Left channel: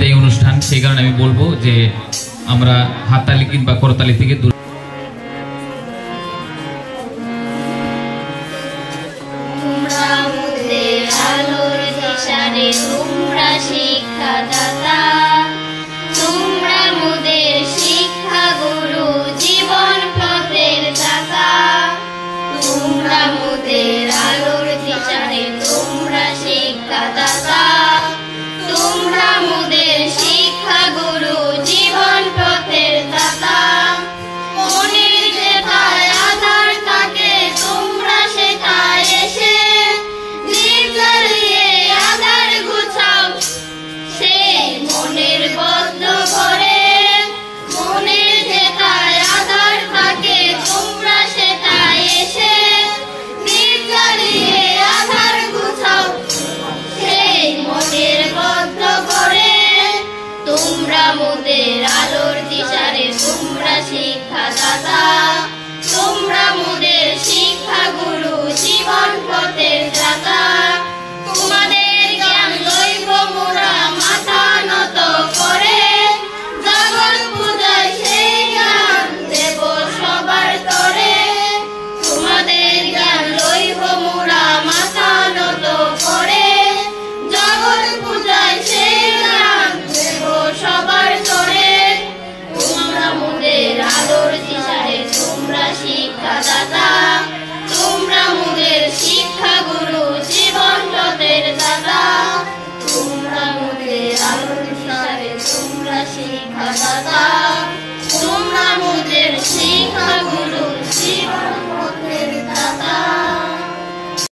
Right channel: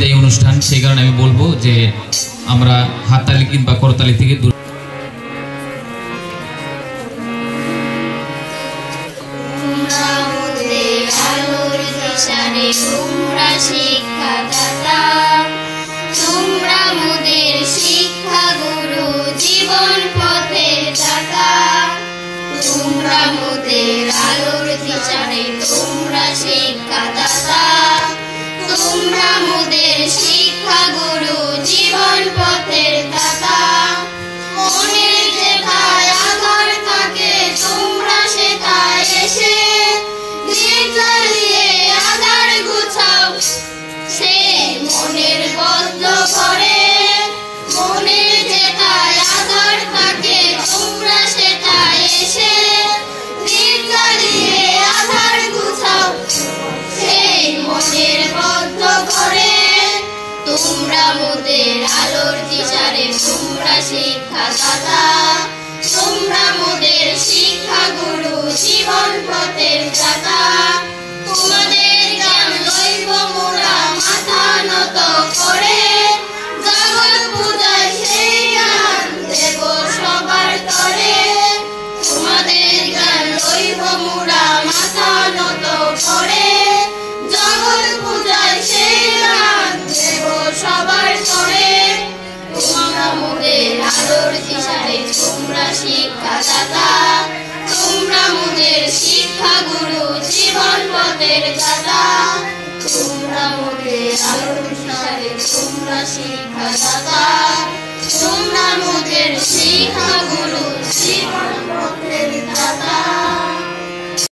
বিদায়ী অনুষ্ঠান, সেই কারণে আমি বলবো যে আমরা হাততালি কিংবা করতালি থেকে দূর। তোমরা শিক্ষাদাতা, তোমরা মোদের শিক্ষা গুরু, জীবন পথের দাতা। তোমরা মোদের আলোর দিশারে, তোমরা শিক্ষাদাতা, তোমরা মোদের শিক্ষা গুরু, জীবন পথের দাতা। মনের যেথায় আধার থাকে, তোমরা সেটায় এসে নির্জলিয়ে আধার গুছাও সে মনের বদ্ধ করে। মনের যেটায় আধার থাকে, তোমরা সেটায় এসে নির্জলিয়ে আধার গুছাও সে মনের বদ্ধ করে। তোমরা মোদের আলোর দিশারে, তোমরা শিক্ষাদাতা, তোমরা মোদের শিক্ষা গুরু, জীবন পথের দাতা। তোমাদের জ্ঞান লইব মোরা মাথা নত করে, জগৎ পূজায় সেই জ্ঞান দেব সবার তরে। তোমাদের জ্ঞান লইব মোরা মাথা নত করে, জগৎ পূজায় সেই জ্ঞান দেব সবার তরে। তোমরা মোদের আলোর দিশারে, তোমরা শিক্ষাদাতা।